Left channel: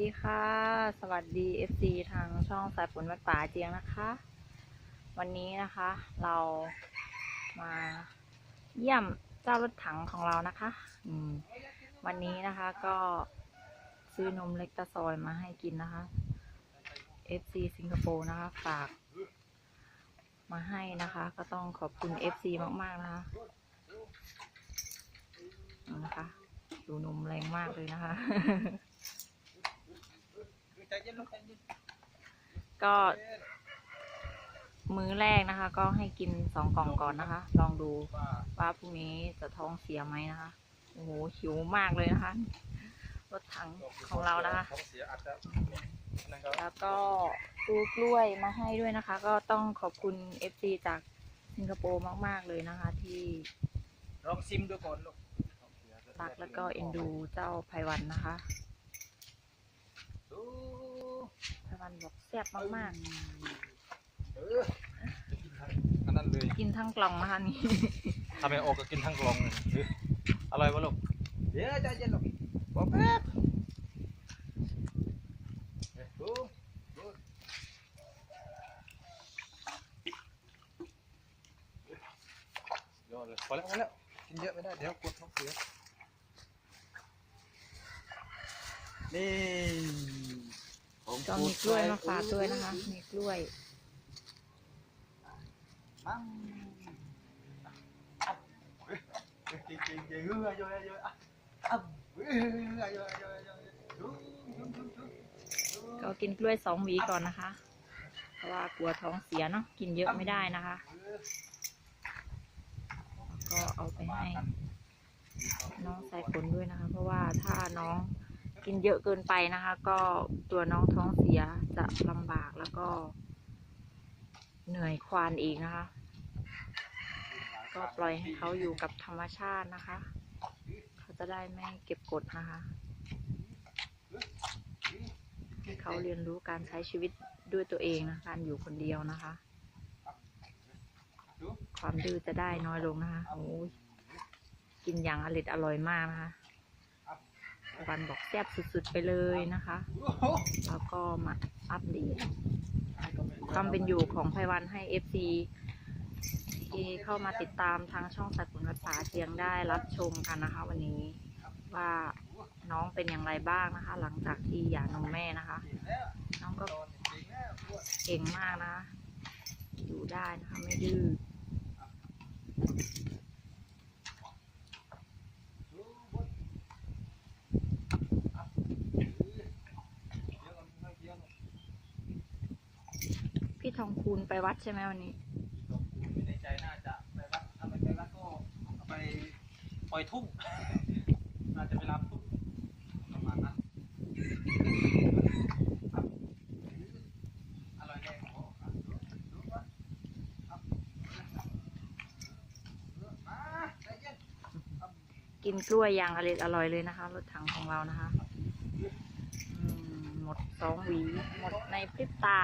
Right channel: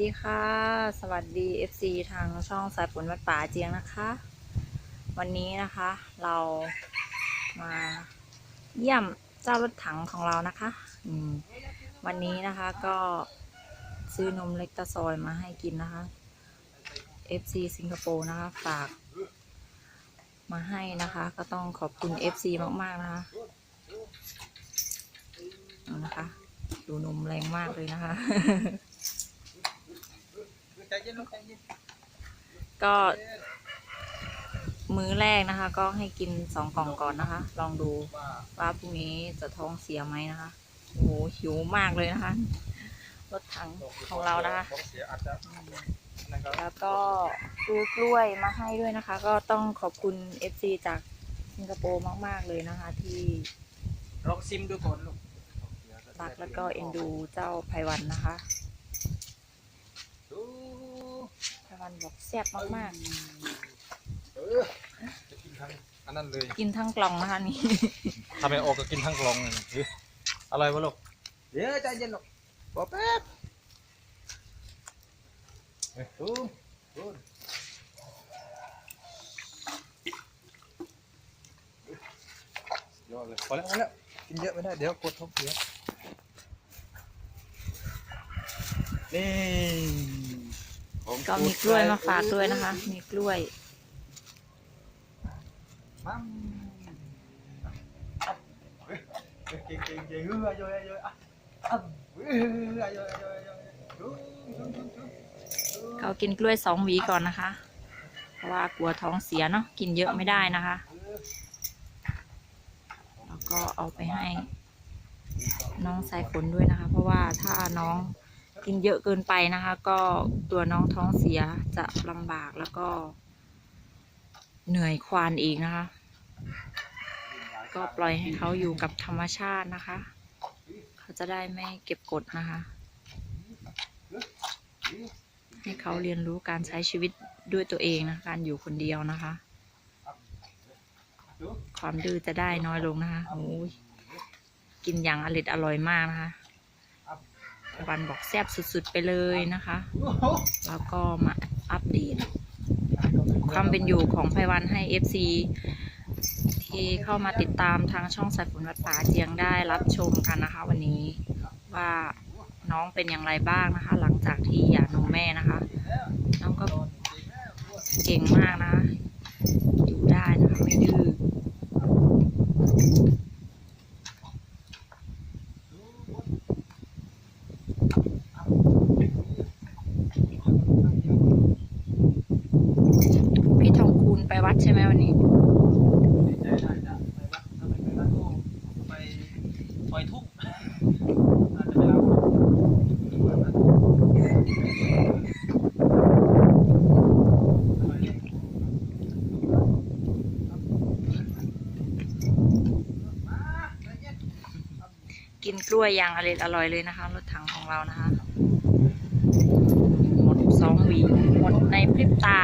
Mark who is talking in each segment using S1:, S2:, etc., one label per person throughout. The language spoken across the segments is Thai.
S1: ดีค่ะ สวัสดี FC ทางช่องสายฝนวัดป่าเจียงนะคะ วันนี้นะคะเรามาเยี่ยมเจ้ารถถังของเรานะคะอืมวันนี้นะคะก็ซื้อนมเล็กตะซอยมาให้กินนะคะ FC สิงคโปร์นะคะฝาก มาให้นะคะ ก็ต้องขอบคุณ FC มาก ๆ นะคะนะคะ ดูนมแรงมากเลยนะคะ
S2: ก็
S1: มื้อแรกนะคะ ก็ให้กินสองกล่องก่อนนะคะ ลองดู
S2: ว่า
S1: พรุ่งนี้จะท้องเสียไหมนะคะโอ้โหหิวมากเลยนะคะ รถถังของเรานะคะ แล้วก็ซื้อกล้วยมาให้ด้วยนะคะ ก็ต้องขอบคุณ FC จากสิงคโปร์มาก ๆ เลยนะคะ ที่
S2: ลองซิมดูก่อนลูก
S1: รักแล้วก็เอ็นดูเจ้าไพวันนะคะ วันบอกแซ่บมาก
S2: เออจะกินทั้งอันนั้นเลย
S1: ๆ กินทั้งกล่องนะคะนี่
S2: ทำไมออกก็กินทั้งกล่องเลยเฮ้ยอร่อยวะลูกเดี๋ยวใจเย็นลูกบอกแป๊บเฮ้ยดูดูยอดเลยพอแล้วพอแล้วกินเยอะไม่ได้เดี๋ยวปวดท้องเสียนี่ของ
S1: ก็มีกล้วยมาฝากด้วยนะคะ มีกล้วย
S2: ปังอะเฮ้ยเฮ้ยเก่งเก่งเก่งเฮ้ยเยอะเยอะอะอะเฮ้ยเยอะเยอะเยอะเยอะดูดูดูดูดู
S1: ก็กินกล้วยสองหวีก่อนนะคะ เพราะว่ากลัวท้องเสียเนาะกินเยอะไม่ได้นะคะ แล้วก็เอาไปให้น้องสายฝนด้วยนะคะ เพราะว่าถ้าน้อง กินเยอะเกินไปนะคะ ก็ตัวน้องท้องเสียจะลำบากแล้วก็ เหนื่อยควานอีกนะคะ ก็ปล่อยให้เขาอยู่กับธรรมชาตินะคะ เขาจะได้ไม่เก็บกดนะคะ ให้เขาเรียนรู้การใช้ชีวิตด้วยตัวเองนะการอยู่คนเดียวนะคะ ความดื้อจะได้น้อยลงนะคะโอ้ยกินอย่างอร่อยอร่อยมากนะคะ วันบอกแซ่บสุดๆไปเลยนะคะ
S2: โอ้โห
S1: แล้วก็มาอัปเดตความเป็นอยู่ของไพวันให้ FC ที่เข้ามาติดตามทางช่องสายฝนวัดป่าเจียงได้รับชมกันนะคะ วันนี้ว่าน้องเป็นอย่างไรบ้างนะคะ หลังจากที่หย่านมแม่นะคะ น้องก็
S2: โดนจริงแล้ว
S1: เก่งมากนะคะอยู่ได้นะคะ ไม่ดื้อ พี่ทองคูณไป วัดใช่ไหมวันนี้
S2: ดีใจได้จะไปวัดถ้าไม่ไปวัดก็ไปปล่อยทุ่งอาจจะไปรับประมาณนั้นอร่อยแน่มาใจเย็น
S1: กินกล้วยอย่างอร่อยอร่อยเลยนะคะ รถถังของเรานะคะ หมดสองหวี หมดในพริบตา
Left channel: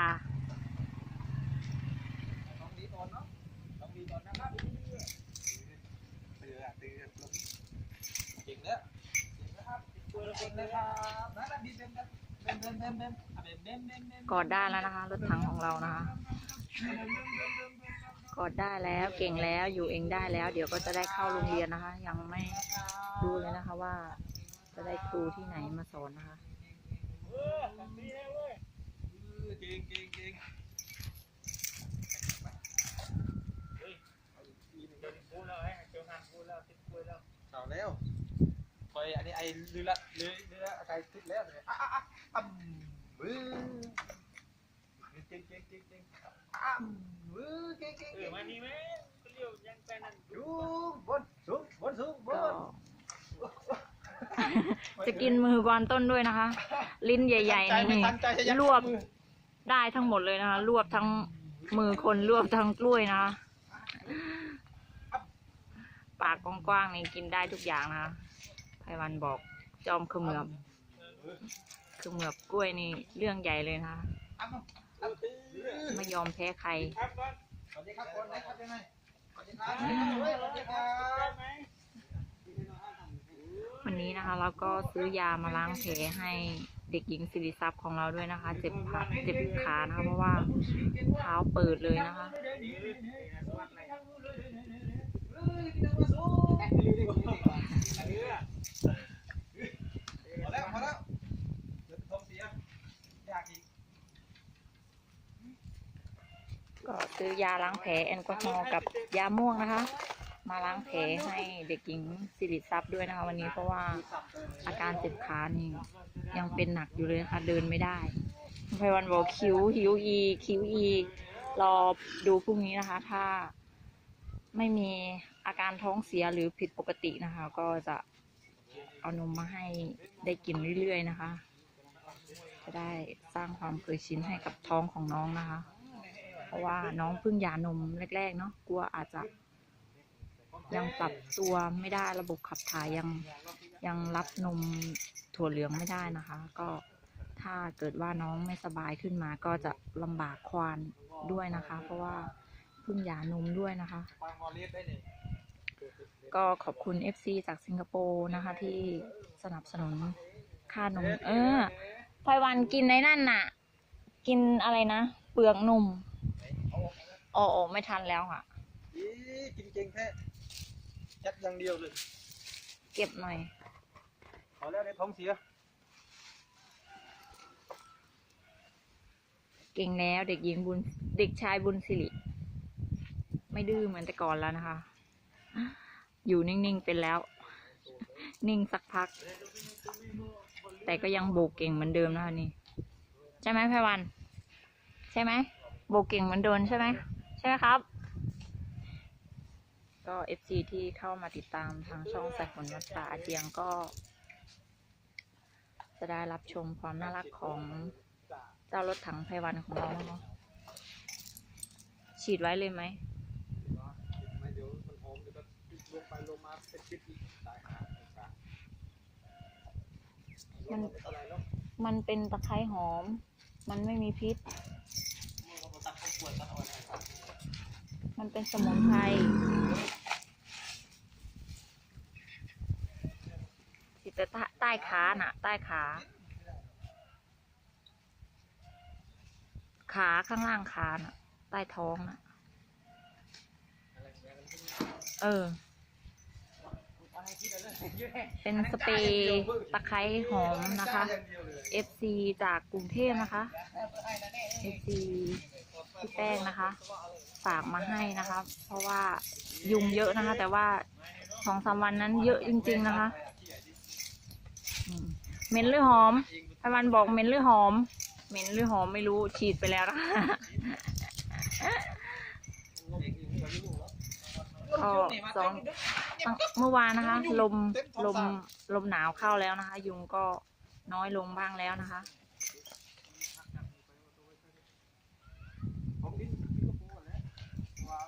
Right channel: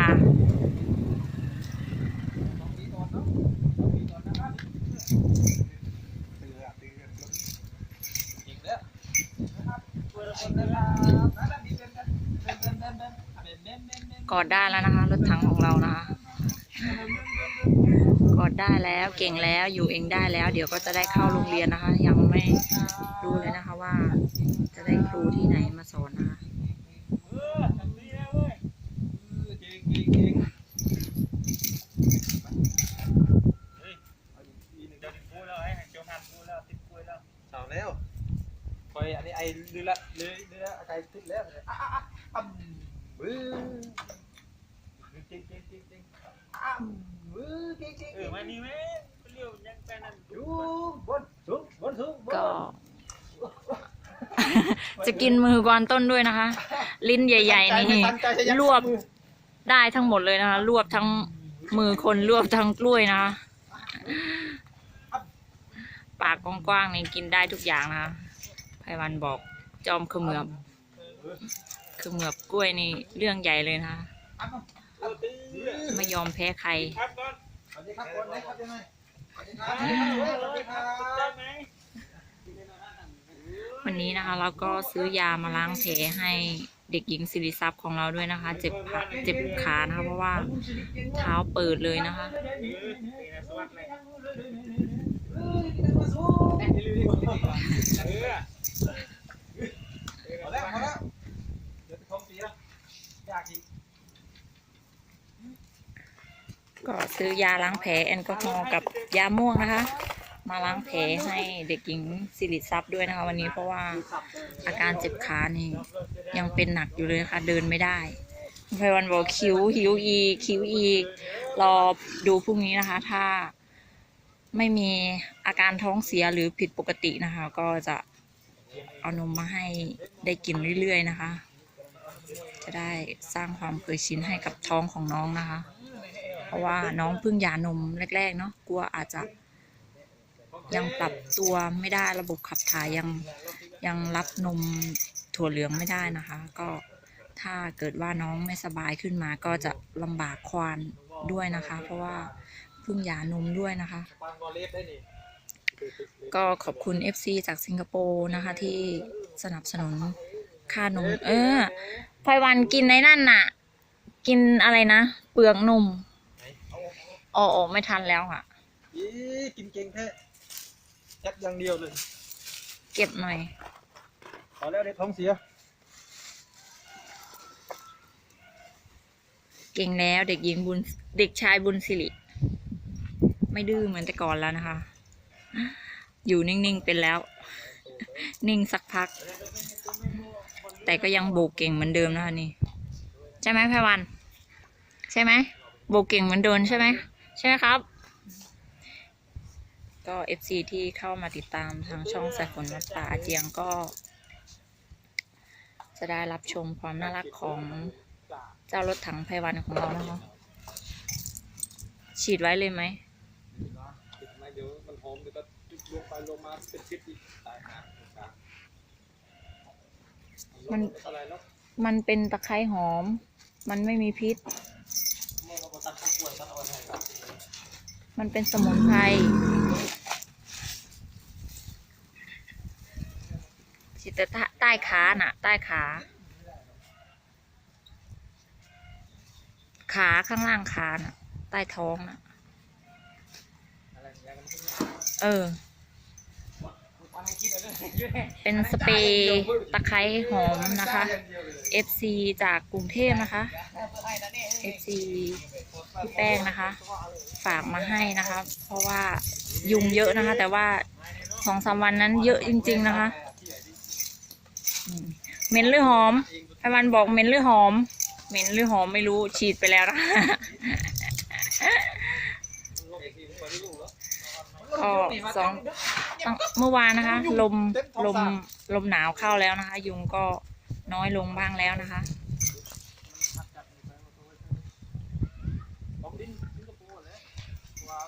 S2: กอ
S1: ดได้แล้วนะคะ รถถังของเรานะคะ กอดได้แล้วเก่งแล้วอยู่เองได้แล้ว เดี๋ยวก็จะได้เข้าโรงเรียนนะคะ ยังไม่รู้เลยนะคะว่า จะได้ครูที่ไหนมาสอนนะคะ
S2: เก่งเก่งเก่งเอาแล้วคอยอันนี้ไอ้ลือละลือลือละไอ้ติดแล้วเลยอะอะอะอ่ำบื้อเก่งเก่งเก่งเก่งอ่ำบื้อเก่งเก่งเก่งอยู่บนสูงบนสูงบ
S1: ก็
S2: น
S1: จะกินมือกวานต้นด้วยนะคะ ลิ้นใหญ่ ๆ นี่รวบได้ทั้งหมดเลยนะคะ รวบทั้งมือคนรวบทั้งกล้วยนะคะ ปากกว้างๆนี่กินได้ทุกอย่างนะไพวันบอกจอมเขมือบเขมือบกล้วยนี่เรื่องใหญ่เลยนะคะไม่ยอมแพ้ใคร
S2: สวัสดีครับคนนะครับยังไงสวัสดีครับสวัสดีครับ
S1: วันนี้นะคะเราก็ซื้อยามาล้างแผลให้เเด็กหญิงสิริทรัพย์ของเราด้วยนะคะ เจ็บขาเจ็บขานะคะเพราะว่าเท้าเปิดเลยนะคะ
S2: ก็
S1: ซื้อยาล้างแผลแอลกอฮอล์กับยาม่วงนะคะ มาล้างแผลให้เด็กหญิงสิริทรัพย์ด้วยนะคะ วันนี้เพราะว่าอาการเจ็บขานี่ยังเป็นหนักอยู่เลยนะคะเดินไม่ได้ไพวันบอกคิ้วหิวอีคิ้วอีกรอดูพรุ่งนี้นะคะ ถ้าไม่มี อาการท้องเสียหรือผิดปกตินะคะ ก็จะเอานมมาให้ได้กินเรื่อยๆนะคะ จะได้สร้างความเคยชินให้กับท้องของน้องนะคะ เพราะว่าน้องเพิ่งหย่านมแรก ๆ เนาะกลัวอาจจะยังปรับตัวไม่ได้ระบบขับถ่ายยังยังรับนมถั่วเหลืองไม่ได้นะคะ ก็ถ้าเกิดว่าน้องไม่สบายขึ้นมาก็จะลำบากควานด้วยนะคะ เพราะว่าเพิ่งหย่านมด้วยนะคะ ก็ขอบคุณ FC จากสิงคโปร์นะคะ ที่สนับสนุนค่านม เออพลอยวันกินในนั่นน่ะ กินอะไรนะ เปลือกนมอ๋อออกไม่ทันแล้วอะ
S2: อีกินเก่งแท้ยัดอย่างเดียวเลย
S1: เก็บหน่อย
S2: พอแล้วเดี๋ยวท้องเสีย
S1: เก่งแล้วเด็กหญิงบุญ เด็กชายบุญสิริ ไม่ดื้อเหมือนแต่ก่อนแล้วนะคะ อยู่นิ่งๆเป็นแล้ว นิ่งสักพัก แต่ก็ยังโบกเก่งเหมือนเดิมนะคะนี่ ใช่ไหมไพวัน ใช่ไหมโบกเก่งเหมือนเดิมใช่ไหมใช่ไหมครับ ก็เอฟซีที่เข้ามาติดตามทางช่องสายฝนวัดป่าอาเจียงก็ จะได้รับชมความน่ารักของเจ้ารถถังไพวันของเรานะคะฉีดไว้เลยไหม
S2: เดี๋ยวมันหอมเดี๋ยวก็ ลงไปลงมาเป็นพิษอีกตายหา
S1: มัน
S2: อะไรแล้ว
S1: มันเป็นตะไคร้หอม มันไม่มีพิษ
S2: เมื่อเราตัดทั้งขวดตัดเอาไว้ให้ครับ
S1: มันเป็นสมุนไพรฉีดแต่ใต้ใต้ขาน่ะ ใต้ขา ขาข้างล่างขาน่ะ ใต้ท้องน่ะ
S2: อะไรอย่างนั้น
S1: เออ เป็นสเปรย์ตะไคร้หอมนะคะ FC จากกรุงเทพนะคะ FC พี่แป้งนะคะ ฝากมาให้นะคะ เพราะว่ายุงเยอะนะคะ แต่ว่าสองสามวันนั้นเยอะจริง ๆนะคะเหม็นหรือหอมไพวันบอกเหม็นหรือหอมเหม็นหรือหอมไม่รู้ฉีดไปแล้วนะก็สอง ตั้งเมื่อวานนะคะ ลมลมลมหนาวเข้าแล้วนะคะ ยุงก็น้อยลงบ้างแล้วนะคะ
S2: ผมดิ้นดิ้นกระปูแล้วว่า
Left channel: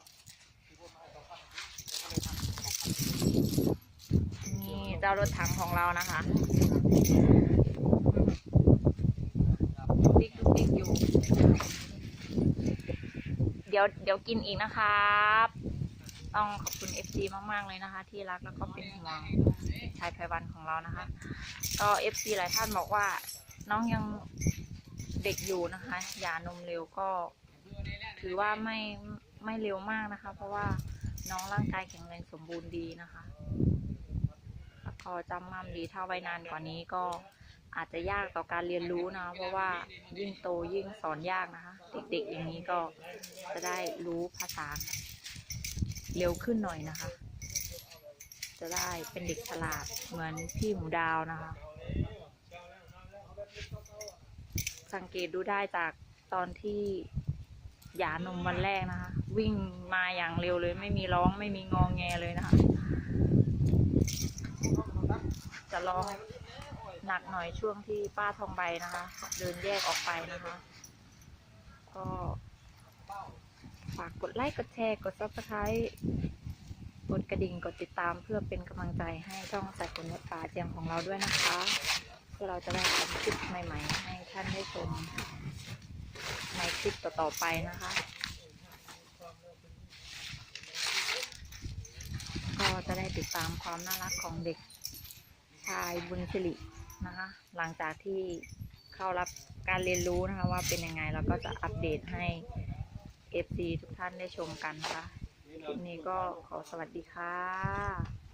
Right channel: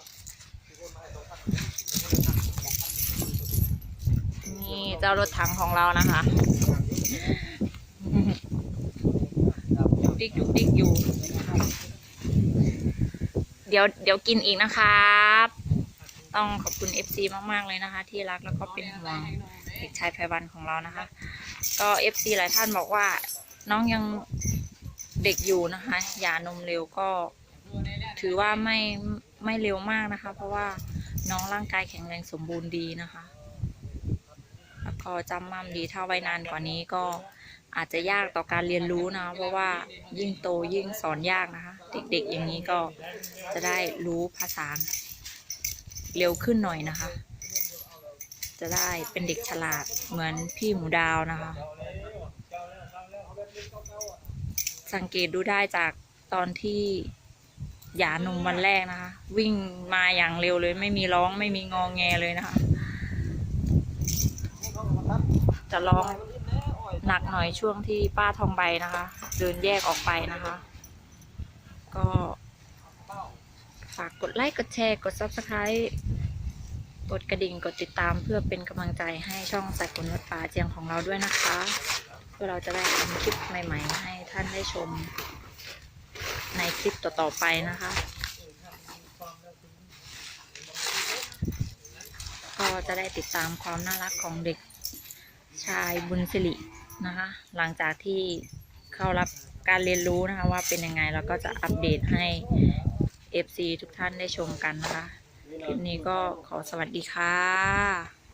S1: นี่เจ้ารถถังของเรานะคะดุกดิกดุกดิกอยู่ เดี๋ยวเดี๋ยวกินอีกนะครับ ต้องขอบคุณ FC มาก ๆ เลยนะคะ ที่รักแล้วก็เป็นห่วงเด็กชายไพวันของเรานะคะ ก็ FC หลายท่านบอกว่าน้องยังเด็กอยู่นะคะหย่านมเร็วก็ถือว่าไม่ไม่เร็วมากนะคะ เพราะว่าน้องร่างกายแข็งแรงสมบูรณ์ดีนะคะ แล้วก็จำมั่มดีถ้าไว้นานกว่านี้ก็อาจจะยากต่อการเรียนรู้นะเพราะว่ายิ่งโตยิ่งสอนยากนะคะ เด็กๆอย่างนี้ก็จะได้รู้ภาษา เร็วขึ้นหน่อยนะคะ จะได้เป็นเด็กฉลาดเหมือนพี่หมูดาวนะคะ สังเกตดูได้จากตอนที่หย่านมวันแรกนะคะ วิ่งมาอย่างเร็วเลย ไม่มีร้องไม่มีงองแงเลยนะคะ จะร้องหนักหน่อยช่วงที่ป้าทองใบนะคะ เดินแยกออกไปนะคะ ก็ ฝาก กดไลค์ กดแชร์ กด subscribe กดกระดิ่ง กดติดตามเพื่อเป็นกำลังใจให้ช่องสายฝนวัดป่าเจียงของเราด้วยนะคะ เพื่อเราจะได้ทำคลิปใหม่ๆ ให้ท่านได้ชม ในคลิปต่อๆไปนะคะ ก็จะได้ติดตามความน่ารักของเด็กชายบุญสิรินะคะ หลังจากที่เข้ารับการเรียนรู้นะคะว่าเป็นยังไงเราก็จะอัปเดตให้ FC ทุกท่านได้ชมกันนะคะ คลิปนี้ก็ขอสวัสดีค่ะ